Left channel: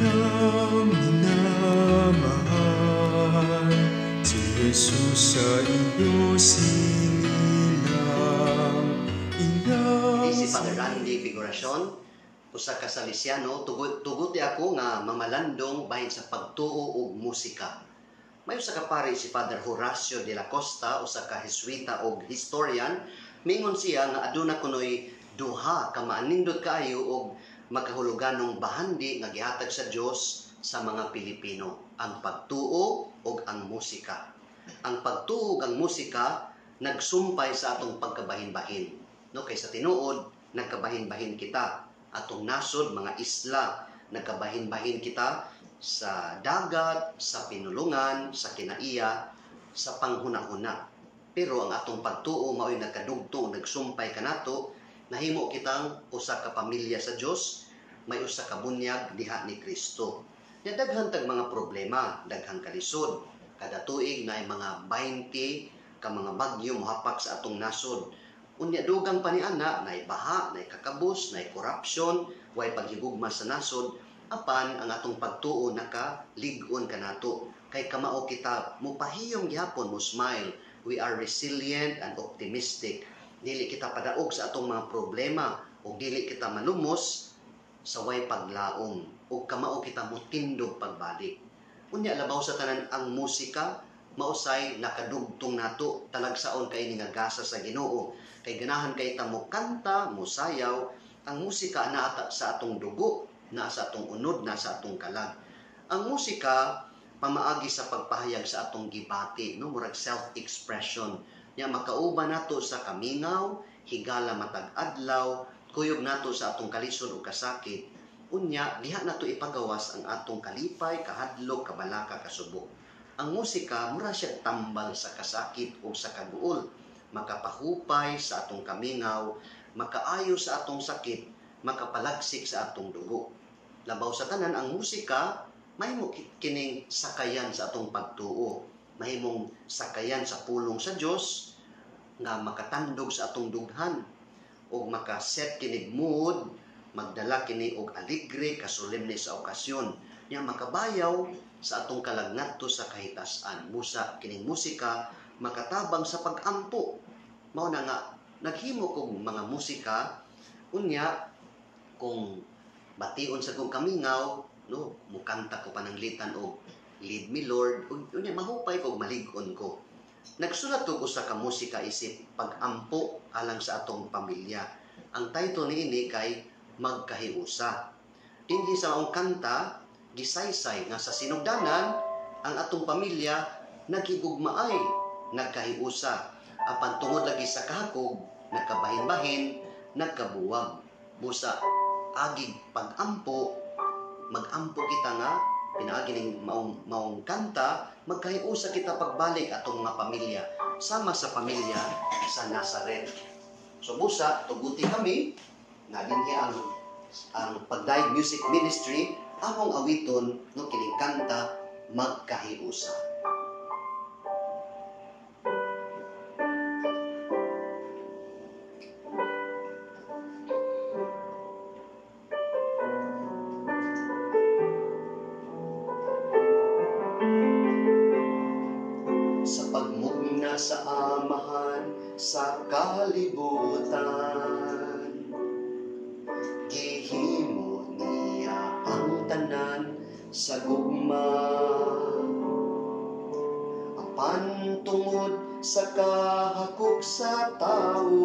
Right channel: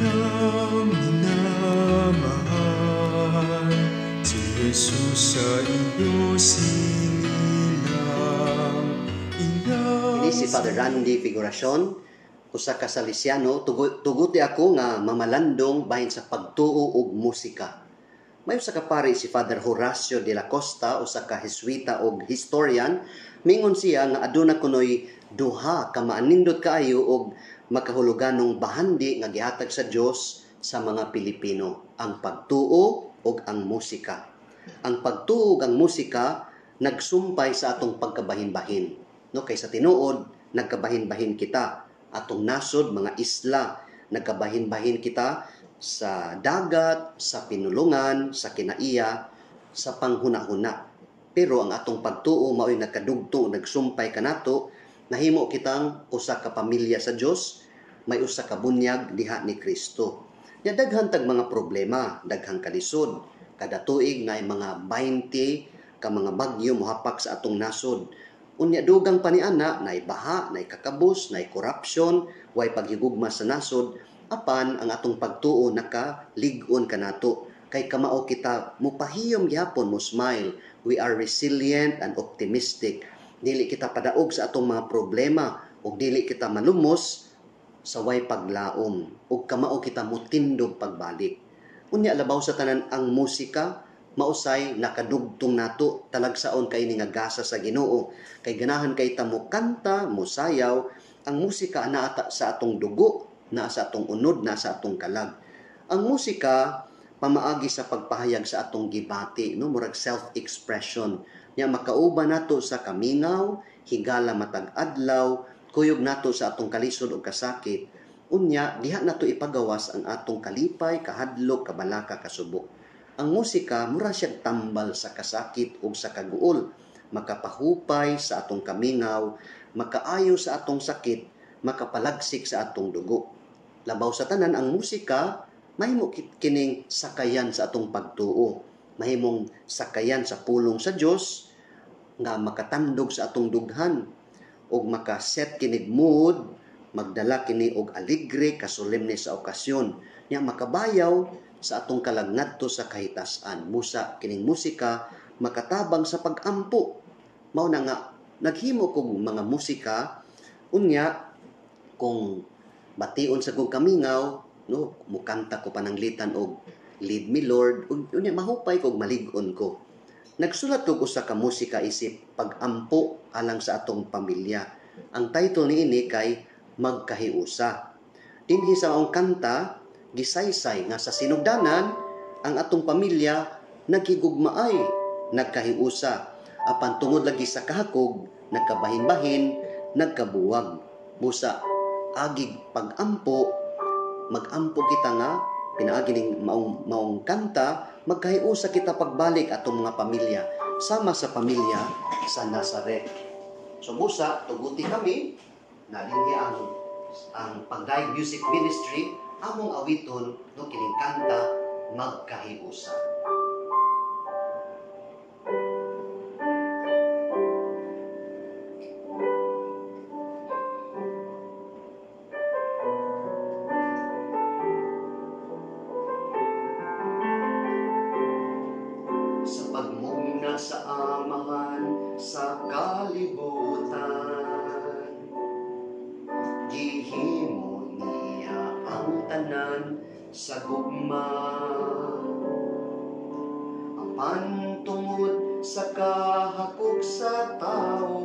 ng minamahal, si Jesus sa iyo silang Ini si Father Randy Figuracion, usa ka Salesiano, tuguti ako nga mamalandong bahin sa pagtuo og musika. May usa ka pari si Father Horacio de la Costa, usa ka Jesuita og historian, mingon siya nga aduna kunoy duha ka maanindot kaayo og makahuluganong bahandi nga gihatag sa Dios sa mga Pilipino, ang pagtuo ug ang musika. Ang pagtuo ug ang musika nagsumpay sa atong pagkabahin-bahin. No, kay sa tinuod nagkabahin-bahin kita. Atong nasod mga isla, nagkabahin-bahin kita sa dagat, sa pinulungan, sa kinaiya, sa panghuna-huna. Pero ang atong pagtuo mao'y nagkadugtong, nagsumpay kanato, nahimo kitang usa ka pamilya sa Dios, may usa ka bunyag diha ni Kristo. Nya daghan tag mga problema, daghang kalisod. Kada tuig na mga 20 ka mga bagyo mohapak sa atong nasod. Unya dugang pa ni ana, nay baha, nay kakabus, nay corruption, way paghigugma sa nasod, apan ang atong pagtuo nakalig-on kanato. Kay kamao kita mupahiyom gyapon mo smile. We are resilient and optimistic. Dili kita padaog sa atong mga problema ug dili kita malumos sa way paglaom ug kamao kita mutindog pagbalik. Unya labaw sa tanan ang musika mausay nakadugtong nato talagsaon kay ni nga gasa sa Ginoo. Kay ganahan kay ta mo kanta, mo sayaw, ang musika naa sa atong dugo, naa sa atong unod, naa sa atong kalag. Ang musika pamaagi sa pagpahayag sa atong gibati, no, murag self-expression. Nya makauban nato sa kamingaw, higala matag adlaw, kuyog nato sa atong kalisod o kasakit. Unya diha nato ipagawas ang atong kalipay, kahadlok, kabalaka, kasubok. Ang musika mura siya tambal sa kasakit o sa kaguol, makapahupay sa atong kamingaw, makaayo sa atong sakit, makapalagsik sa atong dugo. Labaw sa tanan ang musika mahimo kining sakayan sa atong pagtuo, mahimong sakayan sa pulong sa Dios nga makatandog sa atong dughan ug makaset kinig mood, magdala kini og alegre, kasolemne sa okasyon, nya makabayaw sa atong kalag ngadto sa kahitas-an. Musa kining musika makatabang sa pag-ampo. Mao na nga naghimo kog mga musika unya kung bation sa kong kamingaw, no, mukanta ko pananglitan og Lead Me Lord, unya mahupay kog malig-on ko. Nagsulat ko usa ka musika isip pag-ampo alang sa atong pamilya. Ang title niini kay Magkahiusa. Dinhi sa maong kanta gisaysay nga sa sinugdanan ang atong pamilya naghigugmaay, nagkahiusa. Apan tungod lagi sa kahakog, nagkabahin-bahin, nagkabuwag. Busa agig pag-ampo, mag-ampo kita nga pinaagi ning maong kanta, magkahiusa kita pagbalik atong mga pamilya sama sa pamilya sa Nazaret. So busa tuguti kami na dinhi ang Pagdaig Music Ministry among awiton no kining kanta Magkahiusa. Sa pagmugna sa amahan sa kalibutan, gihimo niya ang tanan sa gugma. Apan tungod sa kahakog sa tao,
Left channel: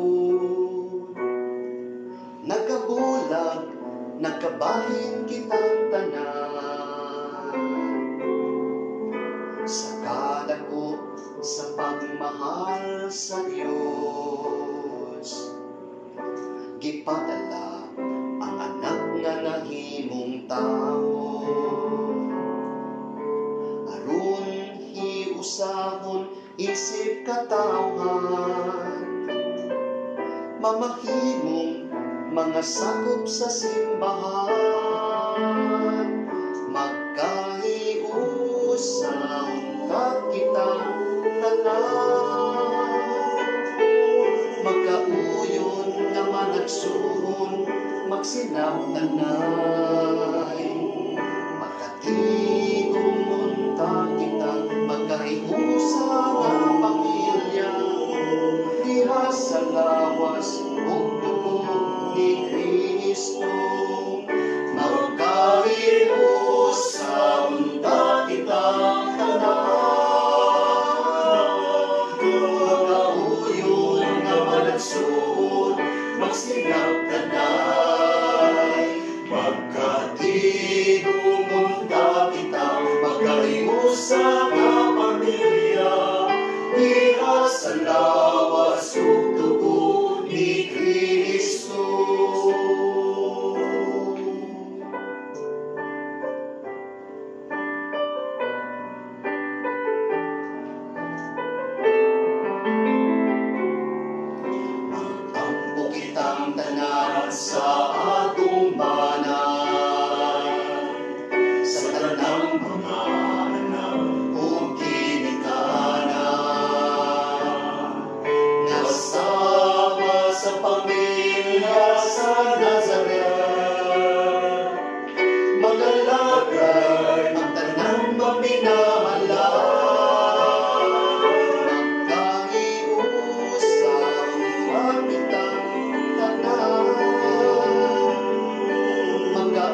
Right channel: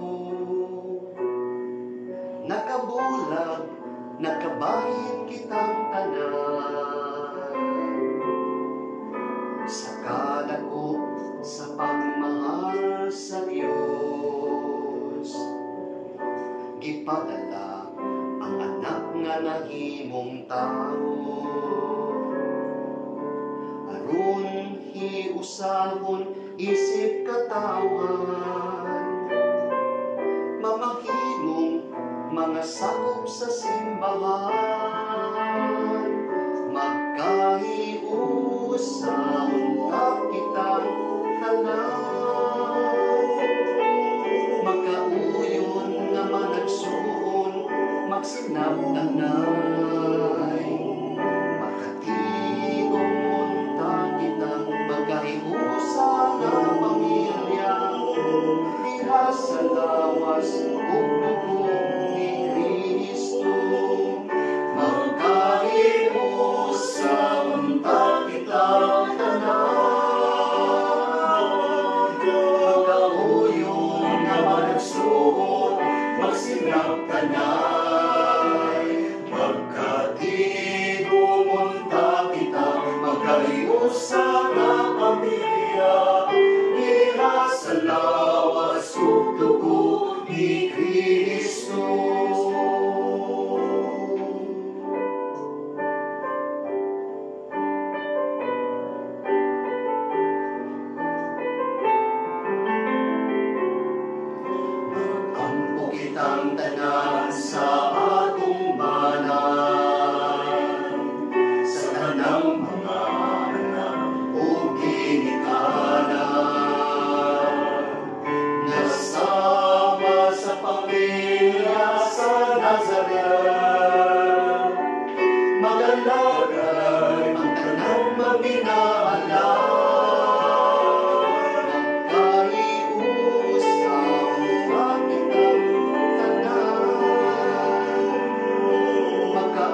nakabulag, nakabahin kitang tanan. Sa kadako sa pagmahal sa Dios, gipadala ang anak nga nahimong tao. Aron hiusahon isip katawhan, mamahimong mga sakop sa simbahan. Magkahiusa kitang tanan, magkauyon nga managsuon, magsinabtanay,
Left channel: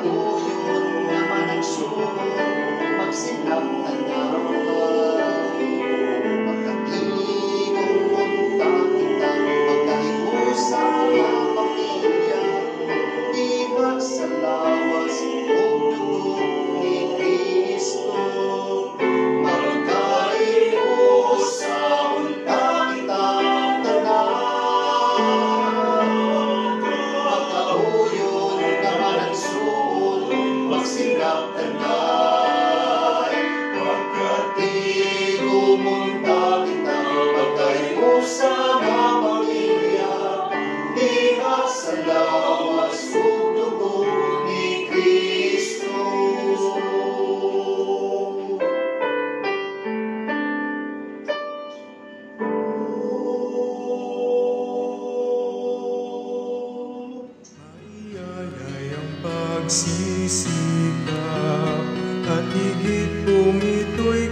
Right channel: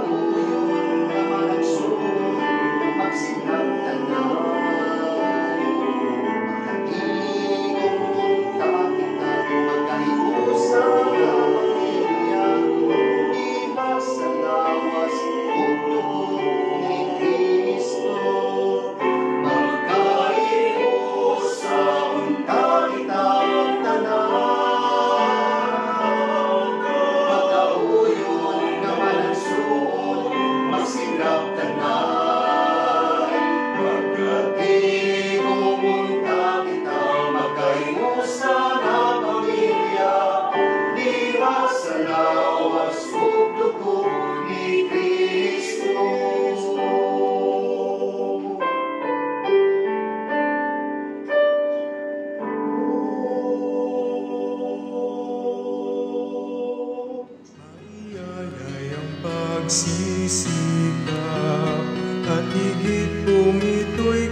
magkauyon naman ang sulod, magsinag tanay. Magkatigong punta kita, magkahiusa nga pamilya, iba sa lawas ug dugo ni Kristo. Magkahiusa unta kitang tanan, magkauyon naman ang suod, magsinag tanay. Magkatigong unta kita, magkahiusa nga pamilya, diha sa lawas ug dugo ni Kristo. Maiyayay ang pagsisikap at higit kung ito'y